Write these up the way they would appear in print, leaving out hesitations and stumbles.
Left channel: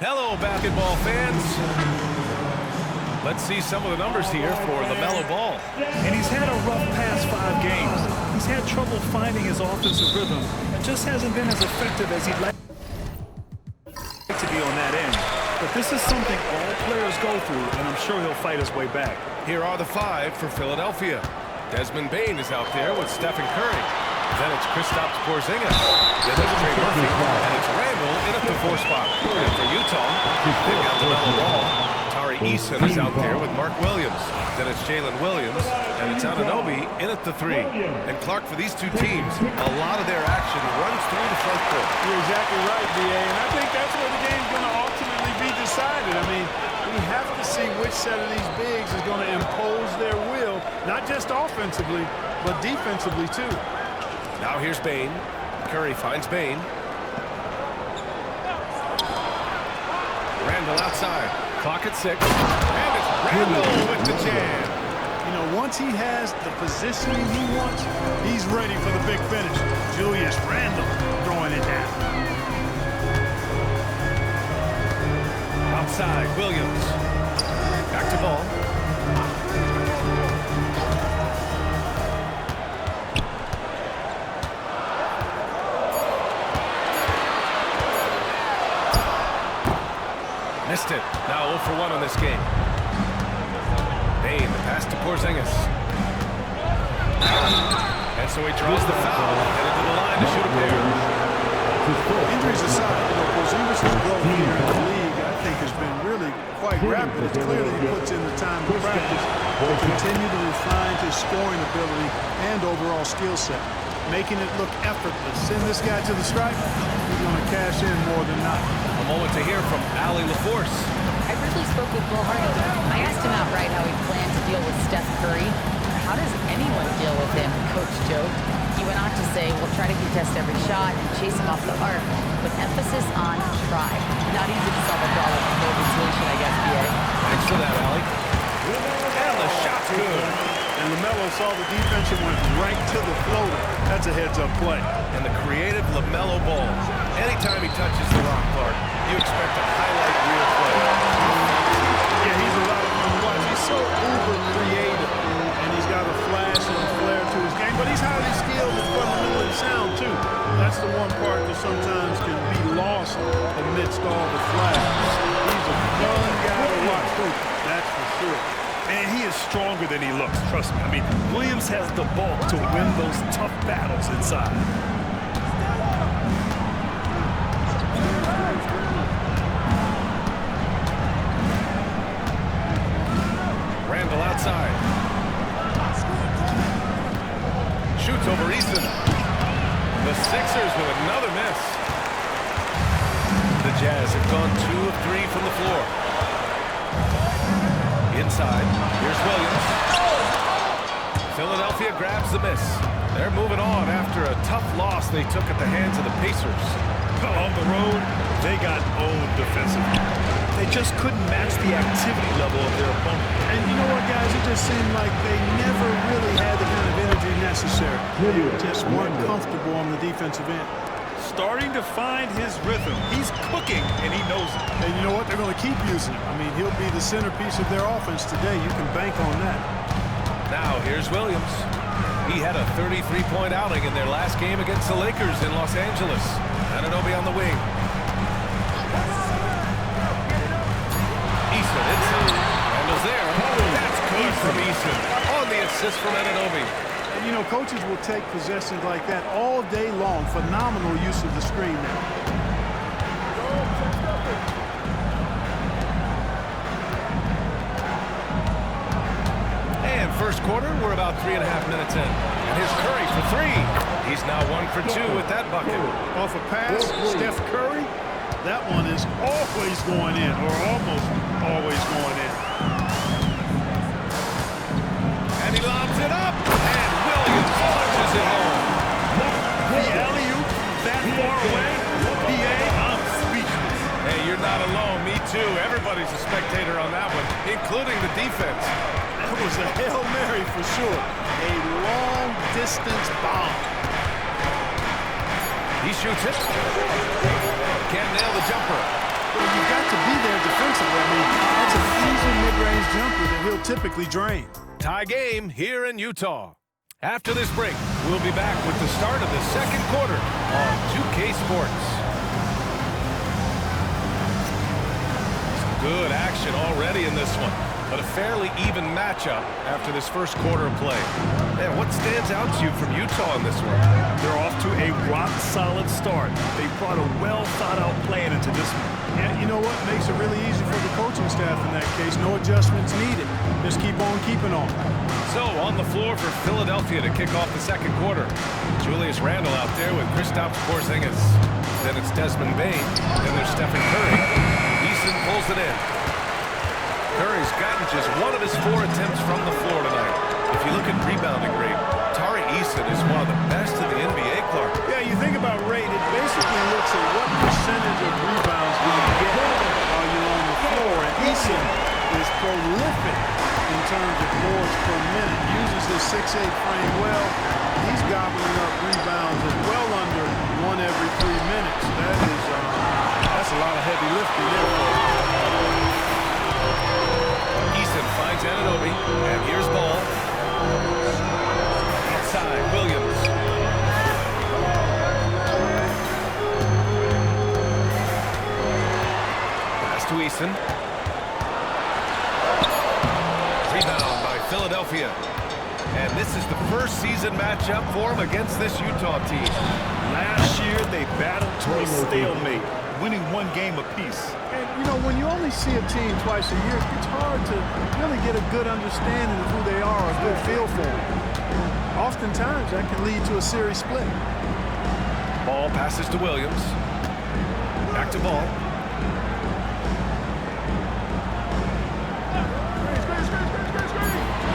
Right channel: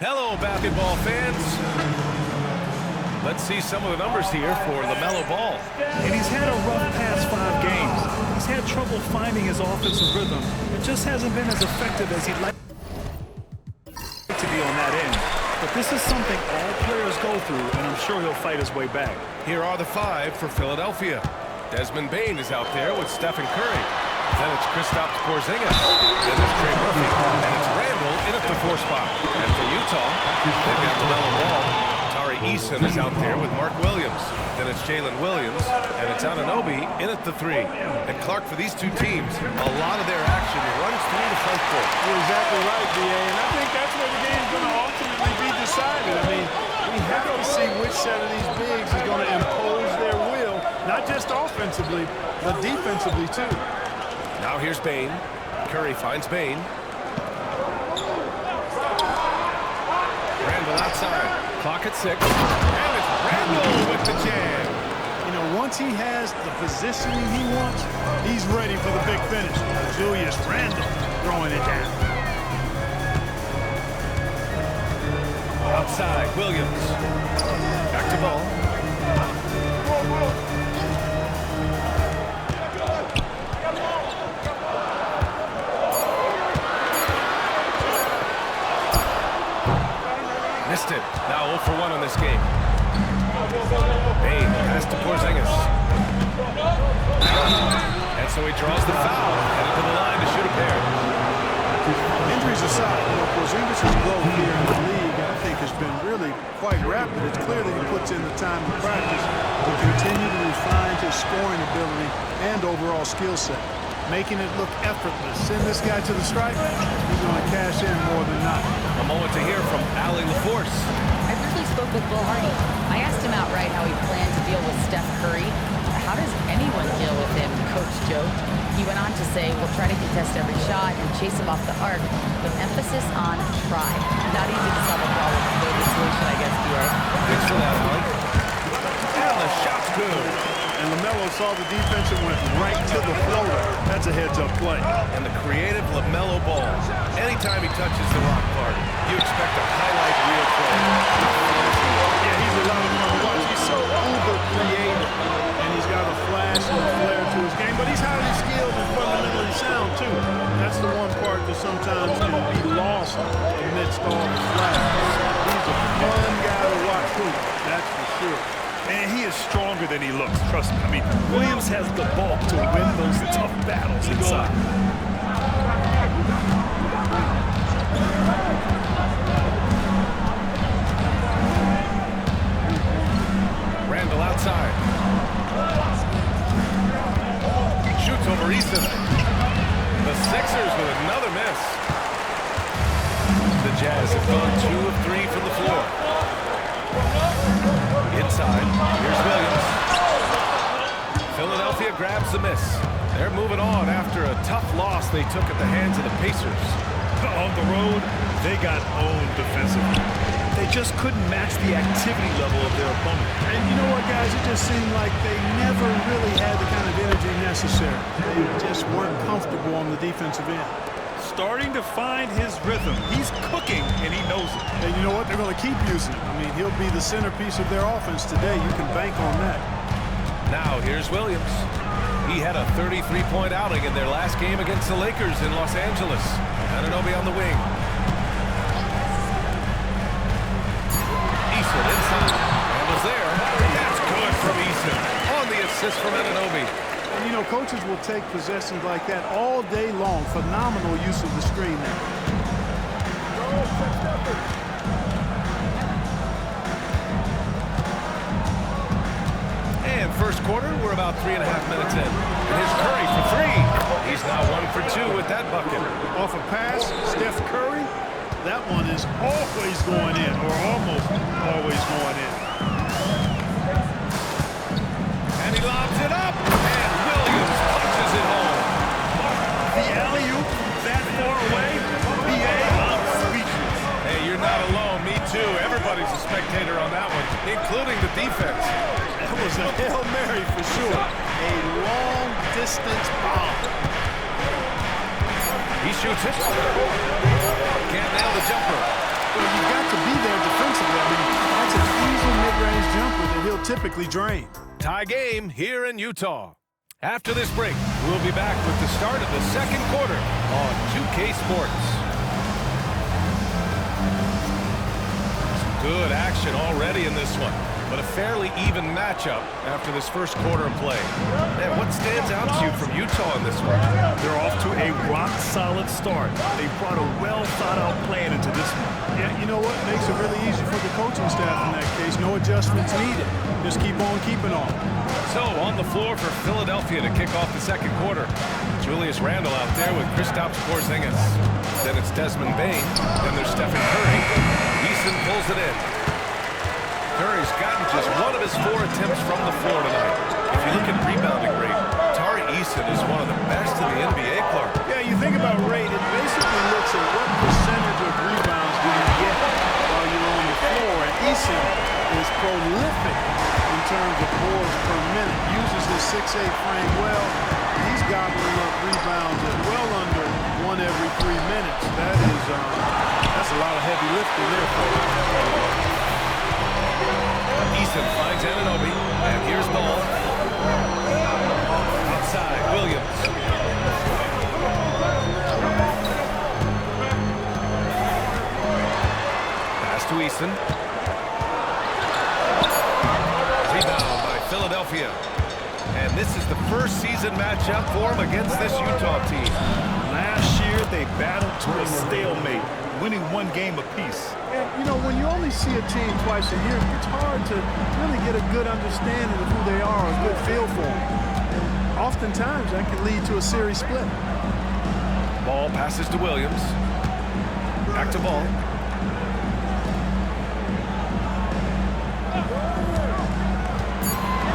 Hello, basketball fans. Let's see some of the numbers here for LaMelo Ball. And he's had a rough past 5 games. He's had trouble finding his offensive rhythm. It just hasn't been as effective as he'd like to be on that end. But this is something all players go through, and I'm sure he'll fight his way back. Here are the 5 for Philadelphia. Desmond Bane is out there with Stephen Curry. Then it's Kristaps Porzingis. Then there's Trey Murphy. And it's Randall in at the 4 spot. And for Utah, they've got LaMelo Ball. Tari Eason is out there with Mark Williams. Then it's Jalen Williams. And it's Anunoby in at the 3. And Clark, for these two teams, a lot of their action runs through the front court. You're exactly right, B.A. And I think that's where the game's going to ultimately be decided. I mean, we have to see which set of these bigs is going to impose their will, not just offensively, but defensively, too. Now here's Bane. Curry finds Bane. Randall outside. Clock at 6. And it's Randall with the jam. You know, once he has the positioning he wants, he's ready for the big finish. Julius Randall throwing it down. Outside, Williams. Back to Ball. Missed it. Now 0 for 1 on this game. Bane, the pass to Porzingis. And so he draws the foul, headed to the line to shoot a pair. Injuries aside, you know, Porzingis' growth here in the league, I think, has been really quite rapid. It's clear that he puts in the time to practice to continue to refine his scoring ability and overall skill set, making it look effortless. Send this guy to the stripe, he's going to cash in more than not. A moment to hear from Allie LaForce. I briefly spoke with Will Hardy. I asked him outright how he planned to deal with Steph Curry. How does anyone deal with him, Coach joked. He went on to say, we'll try to contest every shot and chase him off the arc, but emphasis on try. Not easy to solve a problem with no good solution, I guess, B.A. Thanks for that, Allie. And the shot's good. And LaMelo saw the defense and went right to the floater. That's a heads-up play. And the creative LaMelo Ball. Anytime he touches the rock, Clark, you expect a highlight reel play. Yeah, he's a lot of fun to watch. He's so uber creative. And he's got a flash and a flair to his game. But he's highly skilled and fundamentally sound, too. That's the one part that sometimes can be lost amidst all the flash. He's a fun guy to watch, too. That's for sure. And he is stronger than he looks, trust me. I mean, Williams has the bulk to win those tough battles inside. Randall outside. Shoots over Easton. The Sixers with another miss. The Jazz have gone 2 of 3 from the floor. Inside, here's Williams. Philadelphia grabs the miss. They're moving on after a tough loss they took at the hands of the Pacers. On the road, they got owned defensively. They just couldn't match the activity level of their opponent. And you know what, guys? It just seemed like they never really had the kind of energy necessary. They just weren't comfortable on the defensive end. Starting to find his rhythm. He's cooking, and he knows it. And you know what? They're going to keep using him. I mean, he'll be the centerpiece of their offense today. You can bank on that. Now, here's Williams. He had a 33-point outing in their last game against the Lakers in Los Angeles. Anunoby on the wing. Eason inside. Randall's there. That's good from Eason. On the assist from Anunoby. And, you know, coaches will take possessions like that all day long. Phenomenal use of the screen there. And first quarter, we're about 3.5 minutes in. And here's Curry for 3. He's now 1 for 2 with that bucket. Off a pass, Steph Curry. That one is always going in, or almost always going in. And he lobs it up, and Williams punches it home. The alley-oop from that far away? B.A., I'm speechless. Hey, you're not alone. Me too. Everybody's a spectator on that one, including the defense. That was a Hail Mary for sure. A long-distance bomb. He shoots it. Can't nail the jumper. Well, you've got to be there defensively. I mean, that's an easy mid-range jumper that he'll typically drain. Tie game here in Utah. After this break, we'll be back with the start of the second quarter on 2K Sports. Some good action already in this one, but a fairly even matchup after this first quarter of play. Man, what stands out to you from Utah in this one? They're off to a rock-solid start. They brought a well-thought-out plan into this one. Yeah, you know what makes it really easy for the coaching staff in that case? No adjustments needed. Just keep on keeping on. So, on the floor for Philadelphia to kick off the second quarter. Julius Randle out there with Kristaps Porzingis. Then it's Desmond Bane. Then there's Stephen Curry. Eason pulls it in. Curry's gotten just one of his 4 attempts from the floor tonight. If you look at rebounding rate, Tari Eason is one of the best in the NBA, Clark. Yeah, you think about rate, it basically looks at what percentage of rebounds do you get while you're on the floor. And Eason is prolific in terms of boards per minute. Uses his 6'8" frame well. He's gobbling up rebounds at well under 1 every 3 minutes. That's a lot of heavy lifting there for him. Eason finds Anunoby, and here's ball. Outside, Williams. Pass to Eason. Rebound by Philadelphia. And this is the first season matchup for him against this Utah team. Last year, they battled to a stalemate, winning 1 game apiece. And, you know, when you only see a team twice a year, it's hard to really get a good understanding of who they are, a good feel for them. And oftentimes, that can lead to a series split. Ball passes to Williams. Back to Ball.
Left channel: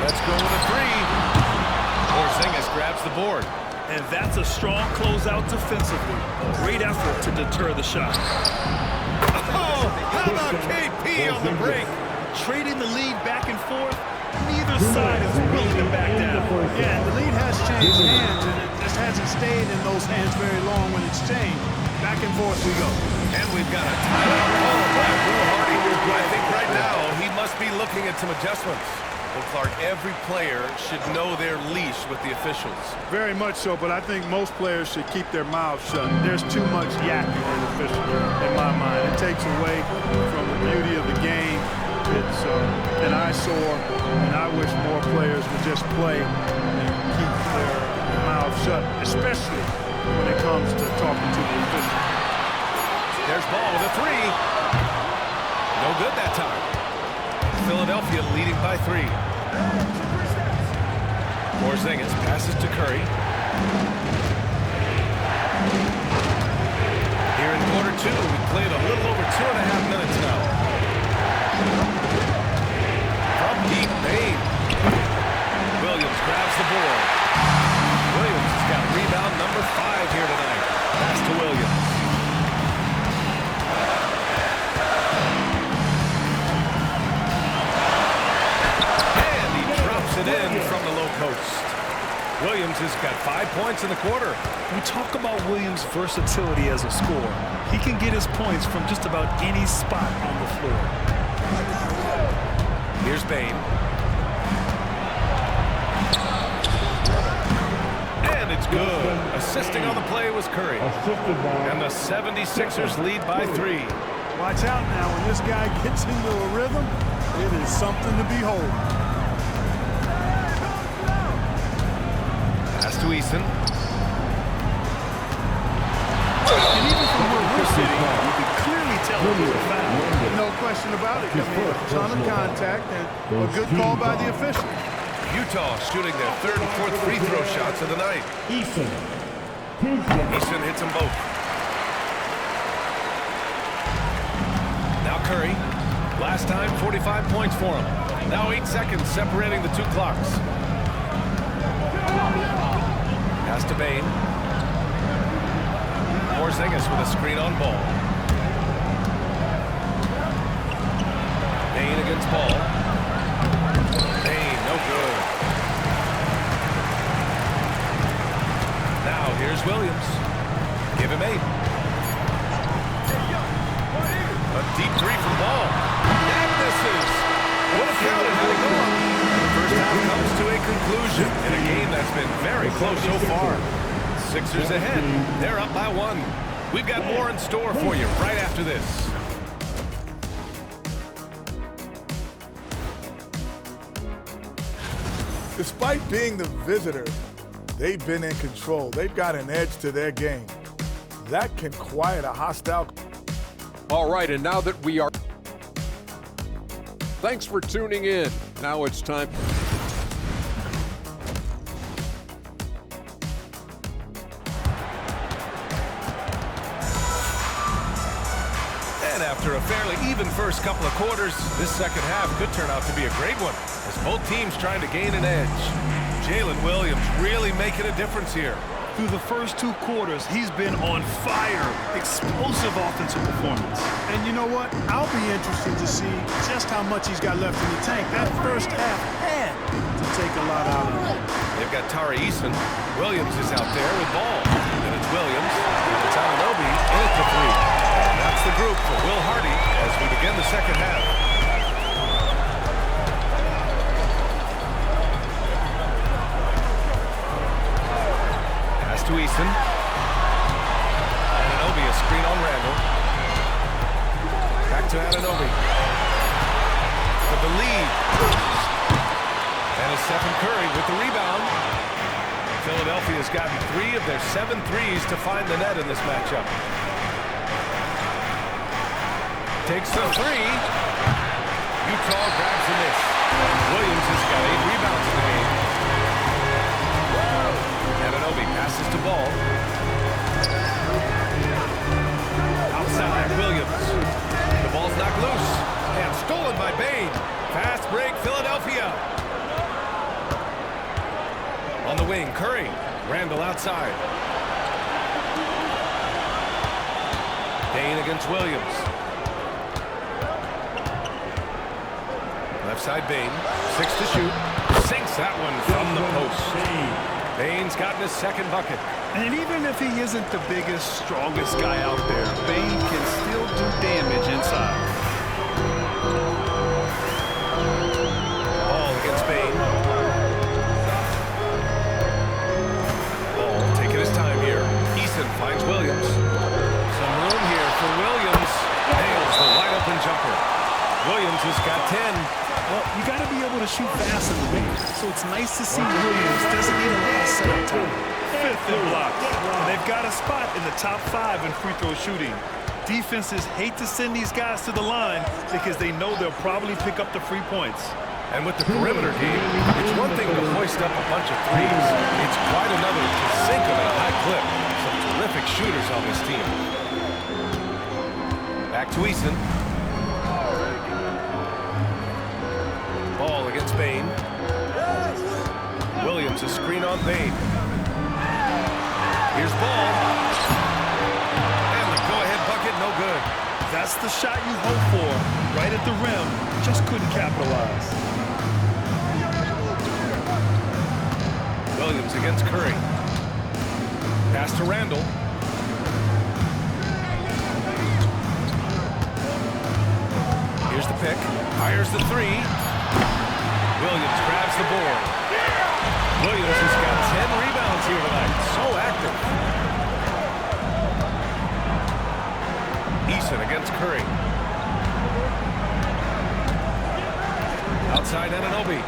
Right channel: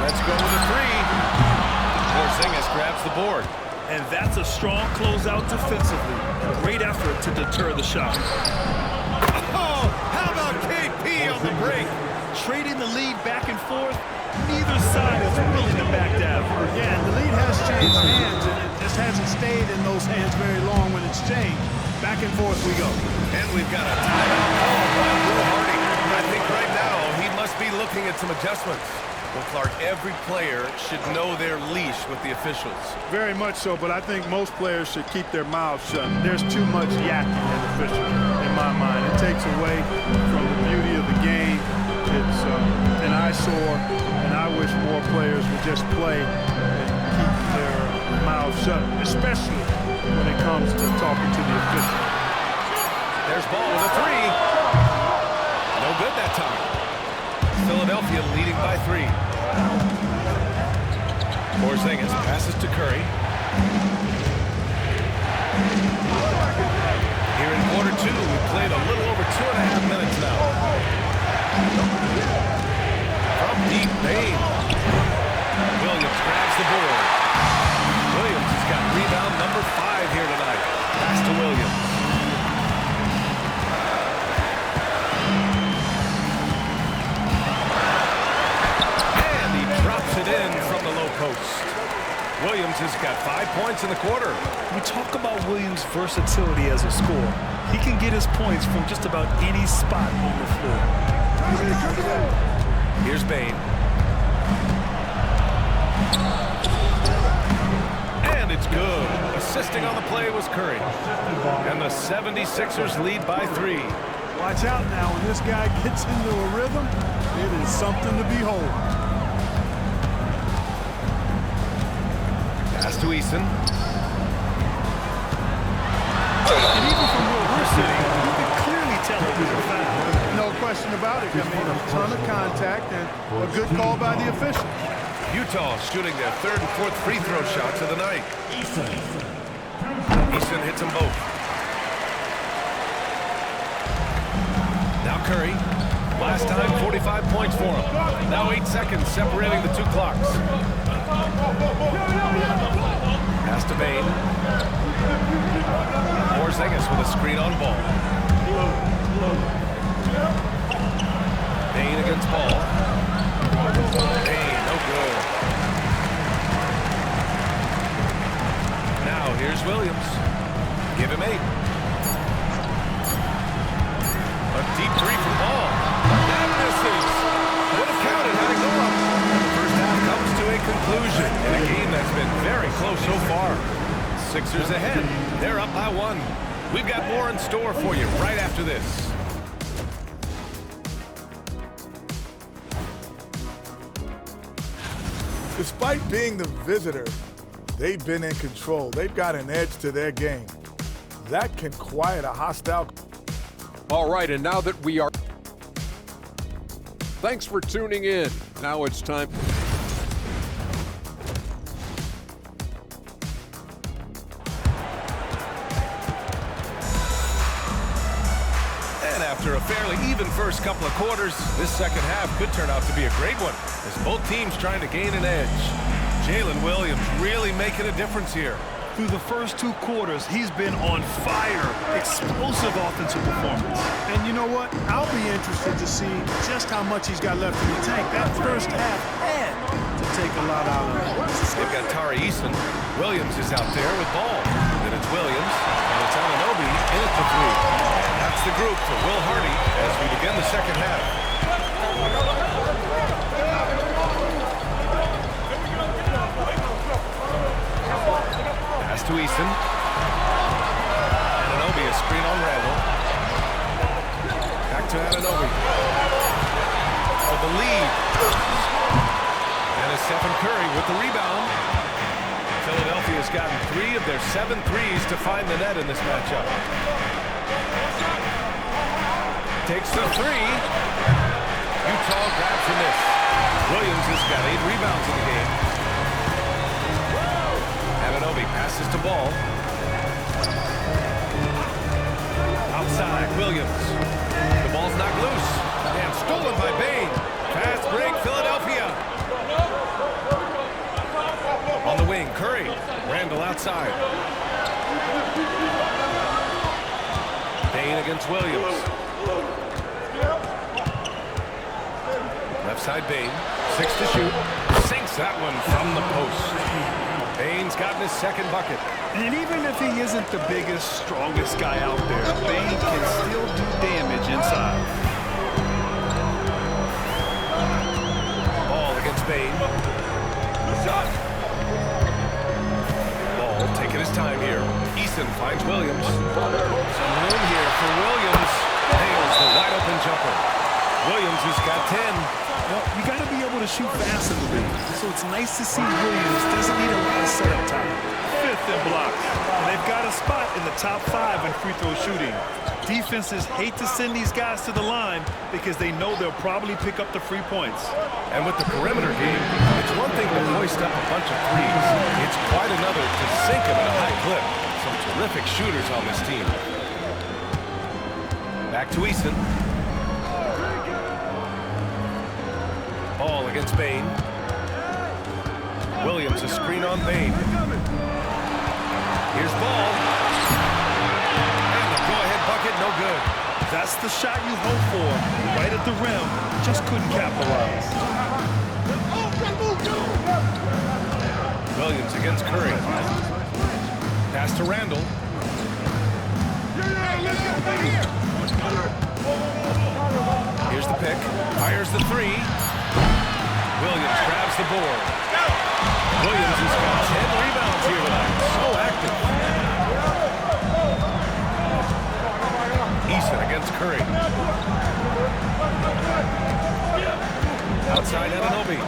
Let's go with a 3. Porzingis grabs the board. And that's a strong closeout defensively. Great effort to deter the shot. Oh, how about KP on the break? Trading the lead back and forth, neither side is willing to back down. Yeah, and the lead has changed hands, and it just hasn't stayed in those hands very long when it's changed. Back and forth we go. And we've got a timeout called by Will Hardy. I think right now he must be looking at some adjustments. Well, Clark, every player should know their leash with the officials. Very much so, but I think most players should keep their mouths shut. There's too much yakking in officials, in my mind. It takes away from the beauty of the game. It's an eyesore, and I wish more players would just play and keep their mouths shut, especially when it comes to talking to the official. There's Ball with a 3. No good that time. Philadelphia leading by 3. Porzingis passes to Curry. Here in quarter 2, we've played a little over 2.5 minutes now. From deep, Bane. Williams grabs the board. Williams has got rebound number 5 here tonight. Pass to Williams. Drops it in from the low post. Williams has got 5 points in the quarter. We talk about Williams' versatility as a scorer. He can get his points from just about any spot on the floor. Here's Bane. And it's good. Assisting on the play was Curry. And the 76ers lead by 3. Watch out now. When this guy gets into a rhythm, it is something to behold. Pass to Eason. And even from where we're sitting, you can clearly tell it was a foul. No question about it. I mean, a ton of contact and a good call by the official. Utah shooting their 3rd and 4th free throw shots of the night. Eason hits them both. Now Curry. Last time, 45 points for him. Now 8 seconds separating the 2 clocks. Pass to Bane. Porzingis with a screen on Ball. Bane against Ball. Bane, no good. Now here's Williams. Give him 8. A deep three from Ball. That misses. Would have counted had it gone. And the first half comes to a conclusion in a game that's been very close so far. Sixers ahead. They're up by 1. We've got more in store for you right after this. Despite being the visitor, they've been in control. They've got an edge to their game. That can quiet a hostile. All right, and now that we are... Thanks for tuning in. Now it's time... And after a fairly even first couple of quarters, this second half could turn out to be a great one, as both teams trying to gain an edge. Jalen Williams really making a difference here. Through the first 2 quarters, he's been on fire. Explosive offensive performance. And you know what? I'll be interested to see just how much he's got left in the tank. That first half had to take a lot out of it. They've got Tari Eason. Williams is out there with Ball. Then it's Williams, and it's Anunoby in at the 3. And that's the group for Will Hardy as we begin the second half. Pass to Eason. Anunoby, a screen on Randall. Back to Anunoby. For the lead. And it's Stephen Curry with the rebound. Philadelphia's gotten 3 of their 7 threes to find the net in this matchup. Takes the 3. Utah grabs the miss. Williams has got 8 rebounds in the game. Anunoby passes to Ball. Outside, Williams. The ball's knocked loose. And stolen by Bane. Fast break, Philadelphia. On the wing, Curry. Randall outside. Bane against Williams. Left side, Bane. 6 to shoot. Sinks that one from the post. Bane's gotten his second bucket. And even if he isn't the biggest, strongest guy out there, Bane can still do damage inside. Ball against Bane. Ball taking his time here. Eason finds Williams. Some room here for Williams. Nails the wide open jumper. Williams has got 10. Well, you got to be able to shoot fast in the league. So it's nice to see Williams doesn't need a lot of setup time. 5th in blocks. And they've got a spot in the top 5 in free throw shooting. Defenses hate to send these guys to the line because they know they'll probably pick up the free points. And with the perimeter game, it's one thing to hoist up a bunch of threes. It's quite another to sink them at a high clip. Some terrific shooters on this team. Back to Eason. Ball against Bane. Williams, a screen on Bane. Here's Ball. And the go-ahead bucket, no good. That's the shot you hope for, right at the rim. Just couldn't capitalize. Williams against Curry. Pass to Randall. Here's the pick. Fires the 3. Williams grabs the board. Williams has got 10 rebounds here tonight. So active. Eason against Curry. Outside Anunoby.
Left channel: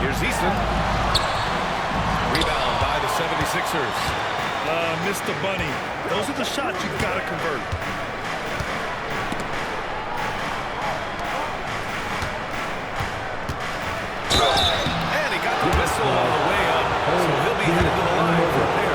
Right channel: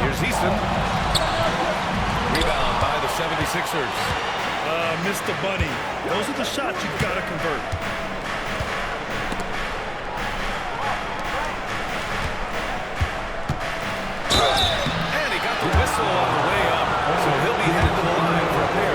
Here's Eason. Rebound by the 76ers. Mr. Bunny. Those are the shots you've got to convert. Whistle on the way up, so he'll be headed to the line for a pair.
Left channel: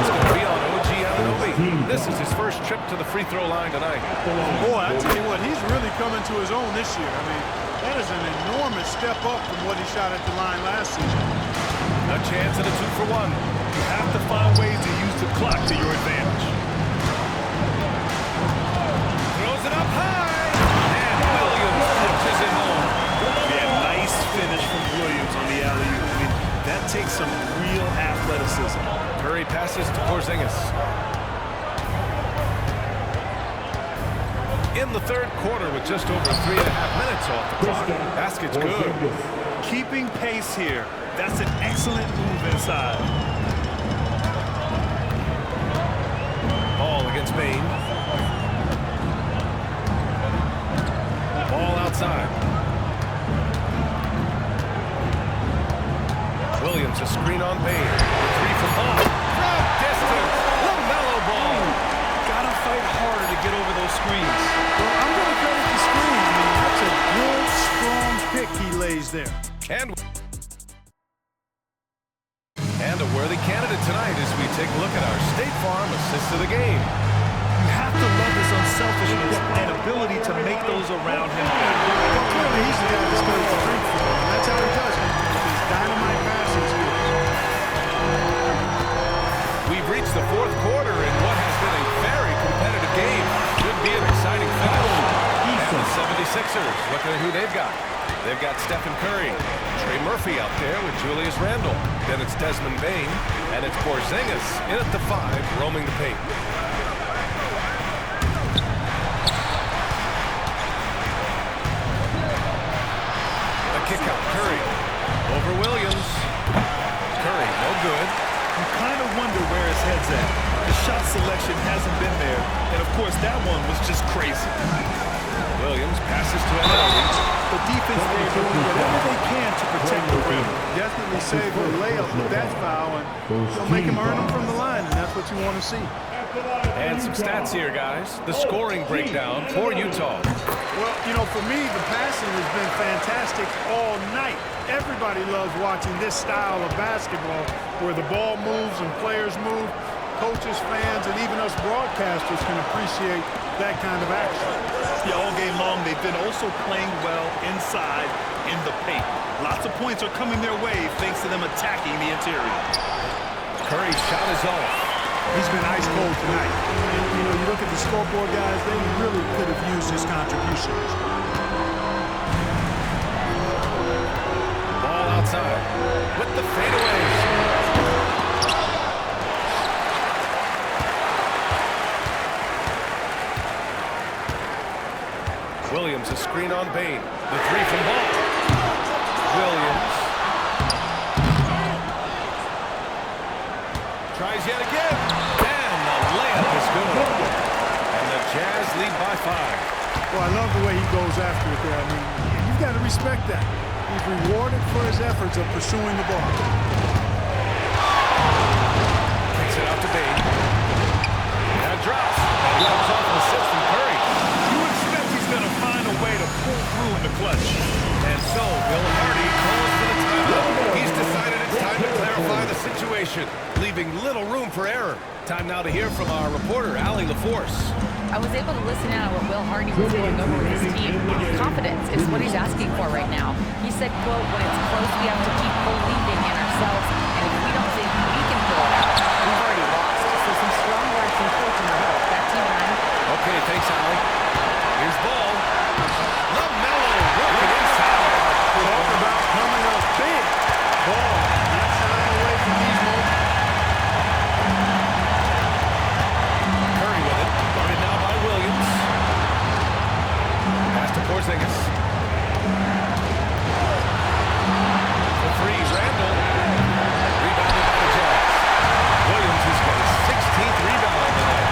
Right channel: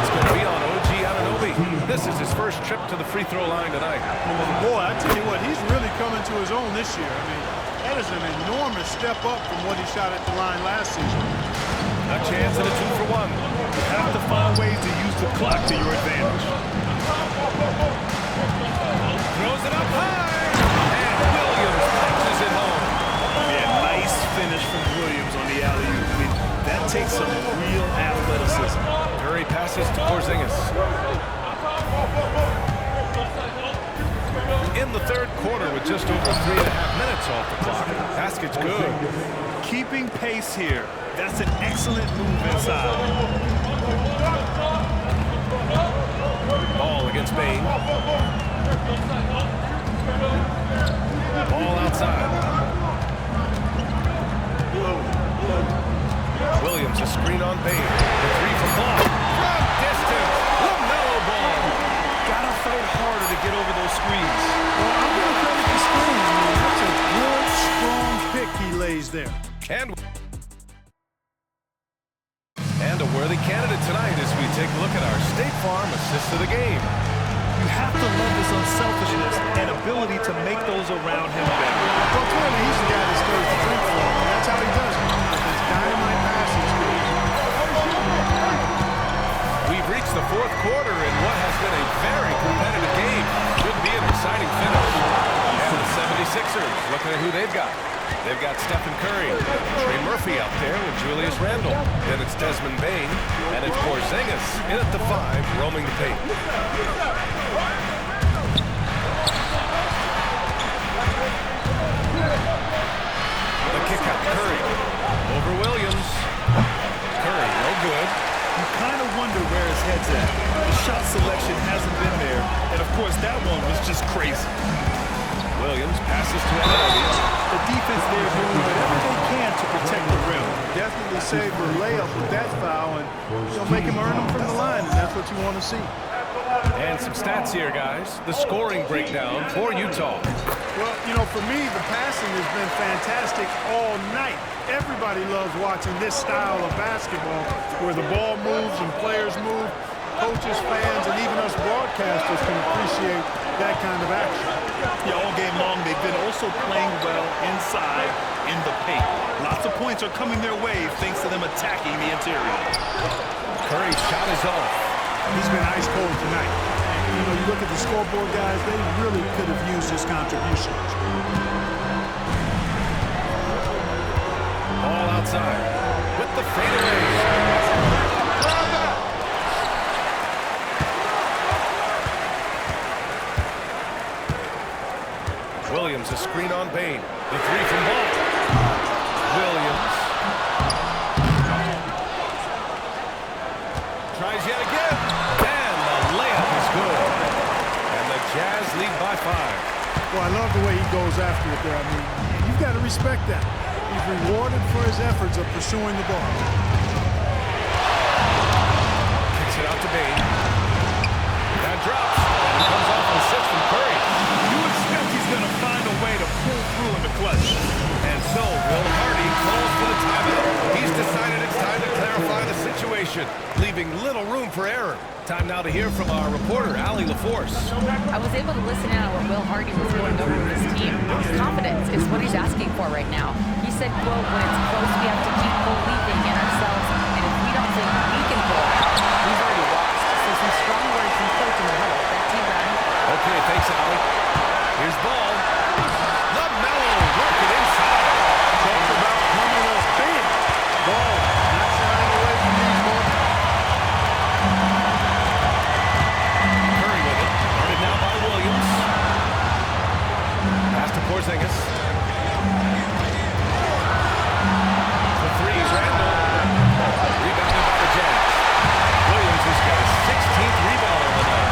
It's going to be on OG Anunoby. This is his first trip to the free throw line tonight. Boy, I tell you what, he's really coming to his own this year. I mean, that is an enormous step up from what he shot at the line last season. A chance at a 2-for-1. You have to find ways to use the clock to your advantage. Throws it up high, and Williams punches it home. Yeah, nice finish from Williams on the alley-oop. I mean, that takes some real athleticism. Curry passes to Porzingis. In the third quarter with just over 3.5 minutes off the clock. Basket's good. Keeping pace here. That's an excellent move inside. Ball against Bain. Ball outside. Williams, a screen on Bain. The three from Ball. From distance. LaMelo Ball. Gotta fight harder to get over those screens. Well, I'm going to credit the screen. I mean, that's a good, strong pick he lays there. And a worthy candidate tonight as we take a look at our State Farm assist of the game. You have to love his unselfishness and ability to make those around him better. Well, clearly he's the guy that stirs the drink for him, and that's how he does it, with his dynamite passing skills. We've reached the fourth quarter in what has been a very competitive game. Should be an exciting finish. And the 76ers, looking at who they've got. They've got Stephen Curry, Trey Murphy out there with Julius Randle. Then it's Desmond Bain, and it's Porzingis in at the 5, roaming the paint. The kick out, Curry over Williams. Curry, no good. You kind of wonder where his head's at. The shot selection hasn't been there, and of course that one was just crazy. Williams passes to Anunoby. The defense there doing whatever they can to protect the rim. Definitely saved the layup with that foul, and they'll make him earn them from the line, and that's what you want to see. And some stats here, guys. The scoring breakdown for Utah. Well, you know, for me, the passing has been fantastic all night. Everybody loves watching this style of basketball where the ball moves and players move. Coaches, fans, and even us broadcasters can appreciate that kind of action. Yeah, all game long, they've been also playing well inside in the paint. Lots of points are coming their way thanks to them attacking the interior. Curry's shot is off. He's been ice cold tonight. And, you know, you look at the scoreboard, guys, they really could have used his contributions. Ball outside with the fadeaway. Williams, a screen on Bain. The three from Ball. Williams. Tries yet again. And the layup is good. And the Jazz lead by 5. Well, I love the way he goes after it there. I mean, you've got to respect that. He's rewarded for his efforts of pursuing the ball. Kicks it out to Bain. That drops. And it comes off an assist from Curry. You expect he's going to find a way to pull through in the clutch. And so, Will Hardy calls for the timeout. He's decided it's time to clarify the situation, leaving little room for error. Time now to hear from our reporter, Allie LaForce. I was able to listen in on what Will Hardy was going over with his team. Confidence is what he's asking for right now. He said, quote, when it's close, we have to keep believing in ourselves, and if we don't think we can pull it out, we've already lost. So some strong words from coach in the huddle. Back to you, Brian. Okay, thanks, Allie. Here's Ball. LaMelo working inside. Talk about coming up big. Ball not shying away from these moments. Curry with it. Guarded now by Williams. Pass to Porzingis. The three, Randle. Rebounded by the Jazz. Williams has got his 16th rebound on the night.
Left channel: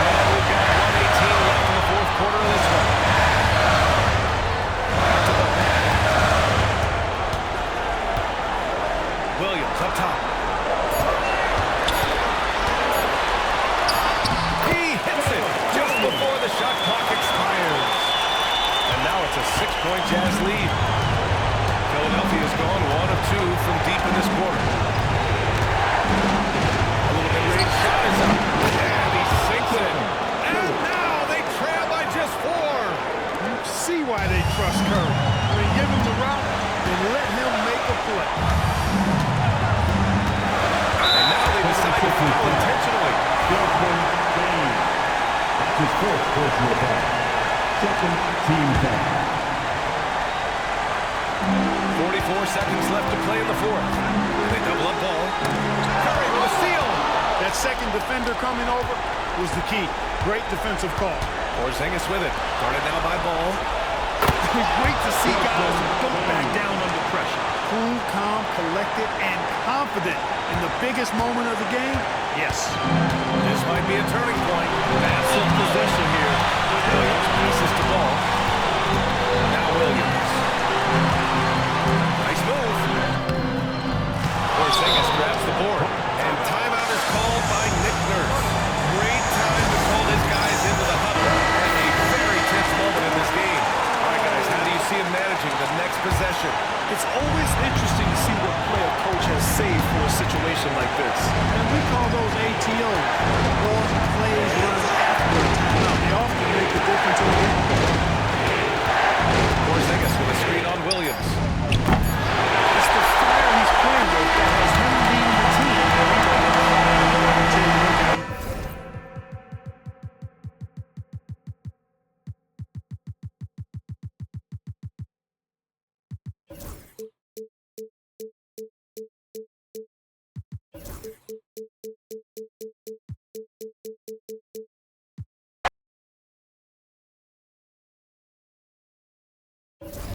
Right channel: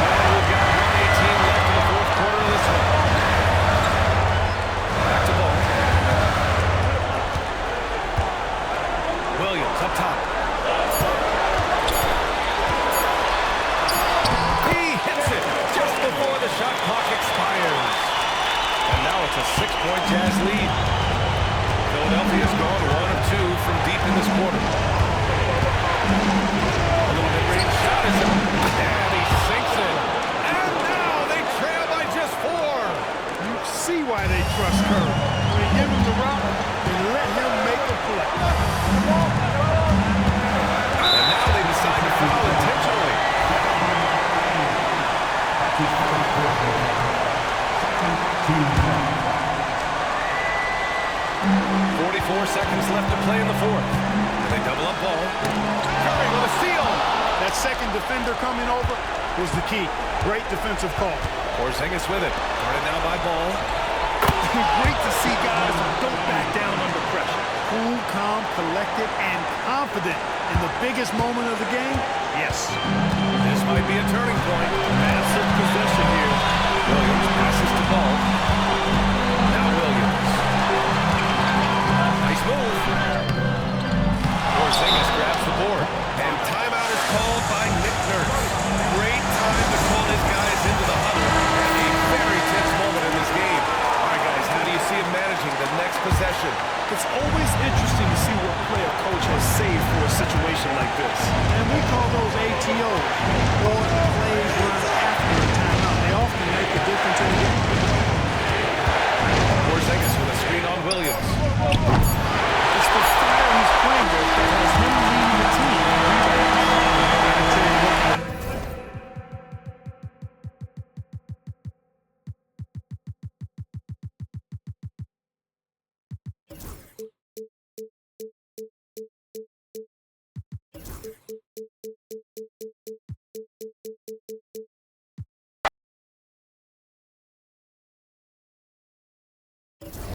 And we've got 1:18 left in the fourth quarter of this one. Back to Ball. Williams up top. He hits it just before the shot clock expires. And now it's a 6-point Jazz lead. Philadelphia's gone 1 of 2 from deep in this quarter. A little mid-range shot is up. And he sinks it. And now they trail by just 4. You see why they trust Curry. I mean, give him the rock and let him make a play. And now they decide to foul intentionally. That's his first personal foul. Second team foul. 44 seconds left to play in the fourth. And they double up Ball. Curry with a steal. That second defender coming over was the key. Great defensive call. Porzingis with it. Guarded now by Ball. Great to see guys who don't back down under pressure. Cool, calm, collected, and confident in the biggest moment of the game. Yes. This might be a turning point. Massive possession here. Williams passes to Ball. Now Williams. Nice move. Porzingis grabs the board. And timeout is called by Nick Nurse. Great time to call his guys into the huddle at a very tense moment in this game. All right, guys, how do you see him managing the next possession? It's always interesting to see what play a coach has saved for a situation like this. And we call those ATOs, or plays run after a timeout. They often make a difference in the game. Porzingis with a screen on Williams. It's the fire he's playing with that has him leading